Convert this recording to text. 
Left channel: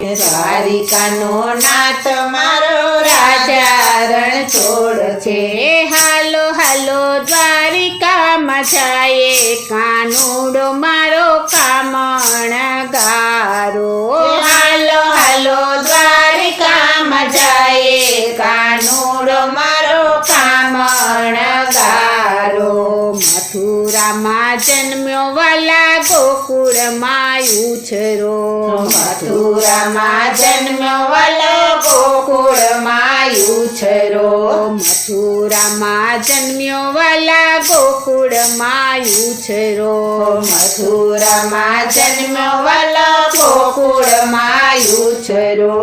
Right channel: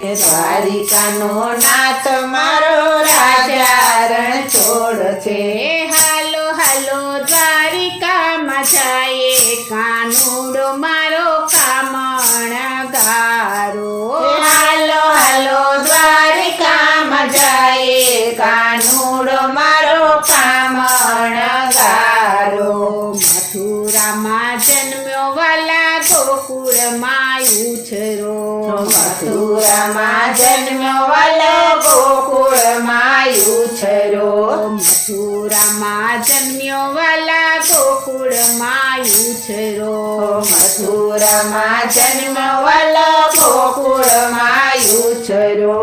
દ્વારિકાનો નાથ મારો રાજા રણછોડ છે. હાલો હાલો દ્વારિકામાં જાય કાનુડો મારો કામણગારો. હાલો હાલો દ્વારિકામાં જાય કાનુડો મારો કામણગારો. મથુરામાં જન્મ્યો વાલા ગોકુળમાં ઉછરો. મથુરામાં જન્મ્યો વાલો ગોકુળમાં ઉછરો. મથુરામાં જન્મ્યો વાલા ગોકુળમાં ઉછરો. મથુરામાં જન્મ્યો વાલો ગોકુળમાં ઉછરો.